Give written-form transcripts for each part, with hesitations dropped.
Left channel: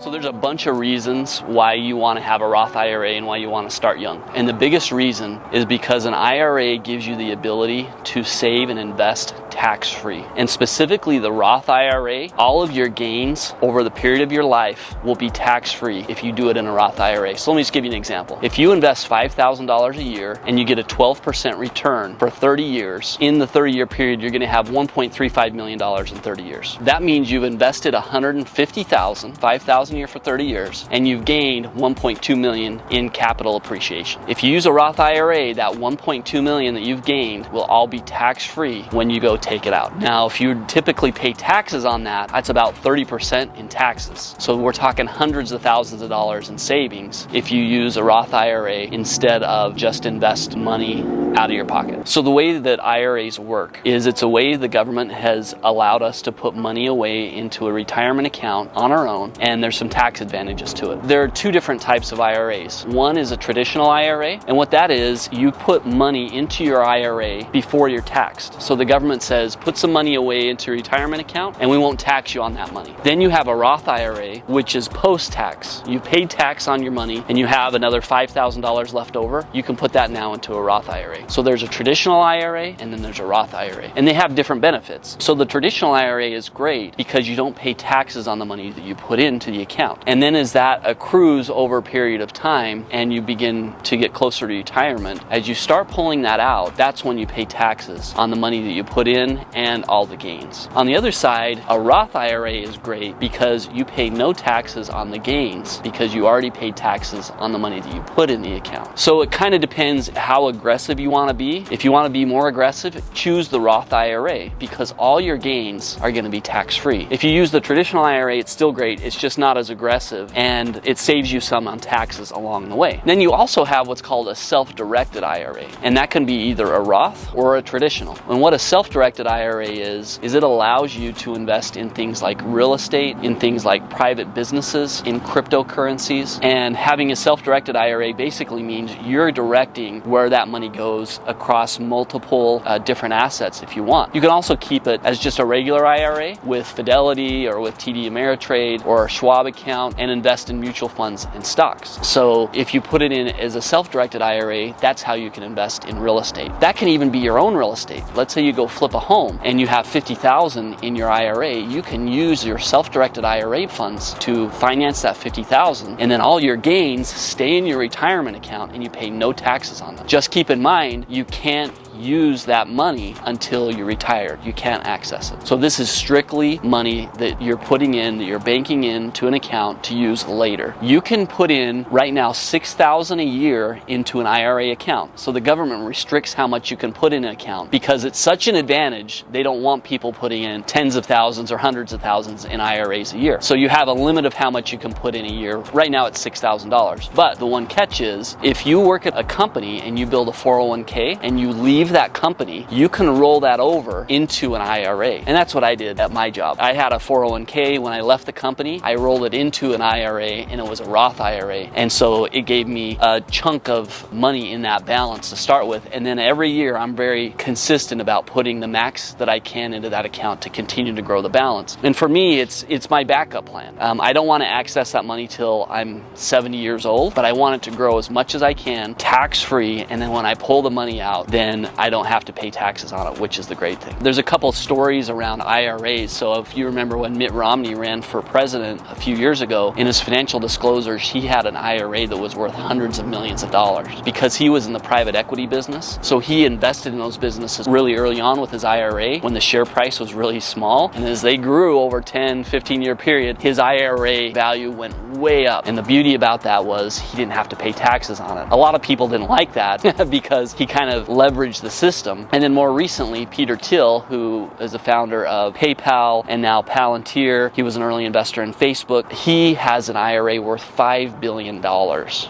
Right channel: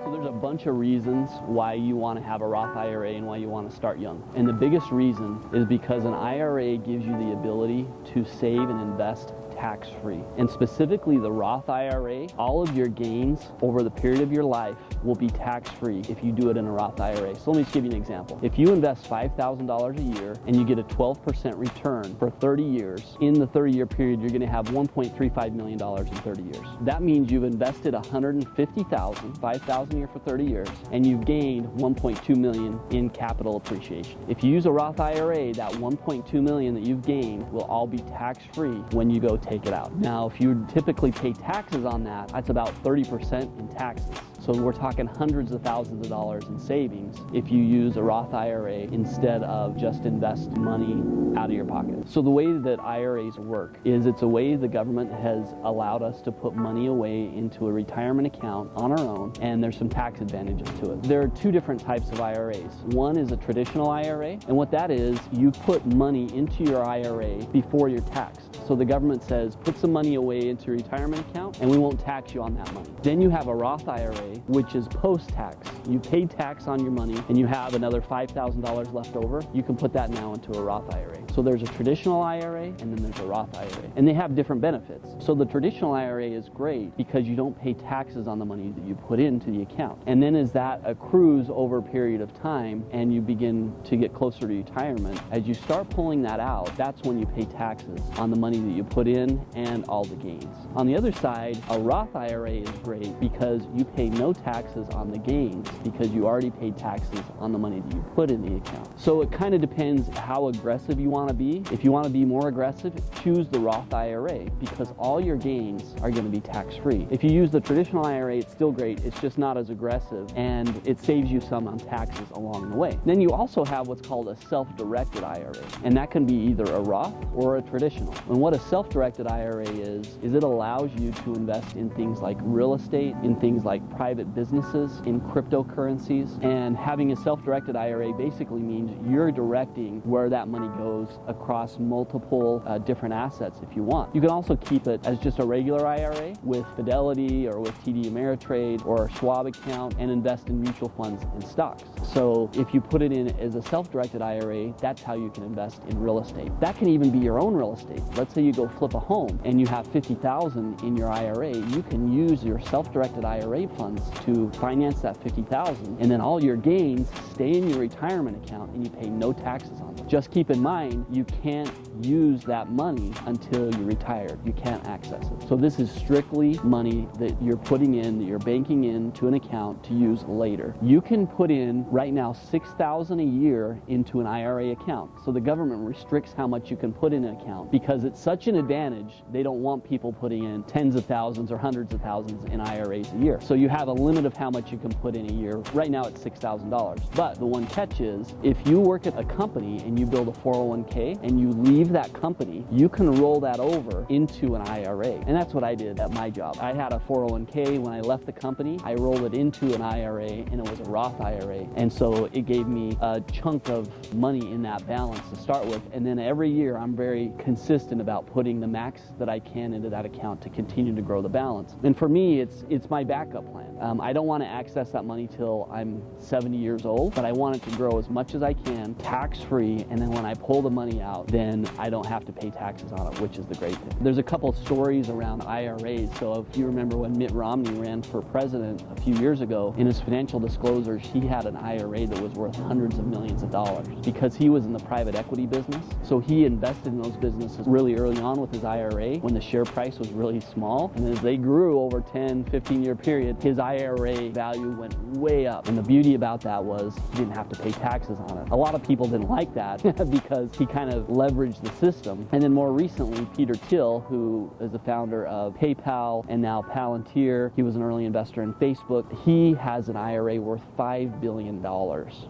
So there's a bunch of reasons why you want to have a Roth IRA and why you want to start young. And the biggest reason is because an IRA gives you the ability to save and invest tax-free. And specifically the Roth IRA, all of your gains over the period of your life will be tax-free if you do it in a Roth IRA. So let me just give you an example. If you invest $5,000 a year and you get a 12% return for 30 years, in the 30-year period, you're going to have $1.35 million in 30 years. That means you've invested $150,000, $5,000 a year for 30 years, and you've gained $1.2 million in capital appreciation. If you use a Roth IRA, that $1.2 million that you've gained will all be tax-free when you go take it out. Now, if you typically pay taxes on that, that's about 30% in taxes. So we're talking hundreds of thousands of dollars in savings if you use a Roth IRA instead of just invest money out of your pocket. So the way that IRAs work is it's a way the government has allowed us to put money away into a retirement account on our own, and there's some tax advantages to it. There are two different types of IRAs. One is a traditional IRA, and what that is, you put money into your IRA before you're taxed. So the government says, put some money away into your retirement account, and we won't tax you on that money. Then you have a Roth IRA, which is post-tax. You paid tax on your money, and you have another $5,000 left over. You can put that now into a Roth IRA. So there's a traditional IRA, and then there's a Roth IRA, and they have different benefits. So the traditional IRA is great because you don't pay taxes on the money that you put into the account. And then as that accrues over a period of time and you begin to get closer to retirement, as you start pulling that out, that's when you pay taxes on the money that you put in and all the gains. On the other side, a Roth IRA is great because you pay no taxes on the gains because you already paid taxes on the money that you put in the account. So it kind of depends how aggressive you want to be. If you want to be more aggressive, choose the Roth IRA because all your gains are going to be tax-free. If you use the traditional IRA, it's still great. It's just not as aggressive and it saves you some on taxes along the way. Then you also have what's called a self-directed IRA, and that can be either a Roth or a traditional. And what a self-directed IRA is it allows you to invest in things like real estate, in things like private businesses, in cryptocurrencies. And having a self-directed IRA basically means you're directing where that money goes across multiple different assets if you want. You can also keep it as just a regular IRA with Fidelity or with TD Ameritrade or a Schwab account and invest in mutual funds and stocks. So if you put it in as a self-directed IRA, that's how you can invest in real estate. That can even be your own real estate. Let's say you go flip a home and you have $50,000 in your IRA, you can use your self-directed IRA funds to finance that $50,000, and then all your gains stay in your retirement account and you pay no taxes on them. Just keep in mind, you can't use that money until you're retired. You can't access it. So this is strictly money that you're putting in, that you're banking into an account to use later. You can put in right now $6,000 a year into an IRA account. So the government restricts how much you can put in an account because it's such an advantage. They don't want people putting in tens of thousands or hundreds of thousands in IRAs a year. So you have a limit of how much you can put in a year. Right now it's $6,000. But the one catch is if you work at a company and you build a 401k and you leave that company, you can roll that over into an IRA. And that's what I did at my job. I had a 401k when I left the company. I rolled it into an IRA and it was a Roth IRA. And so it gave me a chunk of money in that balance to start with. And then every year I'm very consistent about putting the max that I can into that account to continue to grow the balance. And for me, it's my backup plan. I don't want to access that money till I'm 70 years old, but I want it to grow as much as I can, tax-free. And then when I pull the money out, then I don't have to pay taxes on it, which is the great thing. There's a couple stories around IRAs. So if you remember when Mitt Romney ran for president a few years ago, in his financial disclosures, he had an IRA that was worth hundreds of millions of dollars because he was in the private equity business. So he invested in those businesses really early on with his IRA when the share price was really small. And as they grew over 10, 15-year period, his IRA value went way up. And the beauty about that was he didn't have to pay taxes on it. A lot of people didn't like that because he kind of leveraged the system. And then more recently, Peter Thiel, who is the founder of PayPal and now Palantir, he was an early investor in Facebook. He has an IRA worth $5 billion.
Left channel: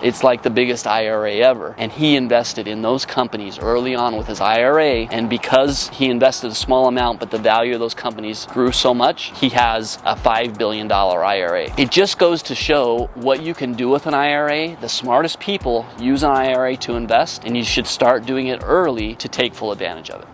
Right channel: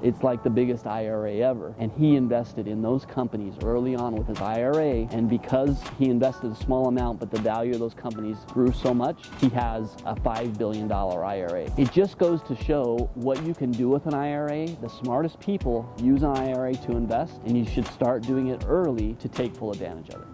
It's like the biggest IRA ever. And he invested in those companies early on with his IRA. And because he invested a small amount, but the value of those companies grew so much, he has a $5 billion IRA. It just goes to show what you can do with an IRA. The smartest people use an IRA to invest, and you should start doing it early to take full advantage of it.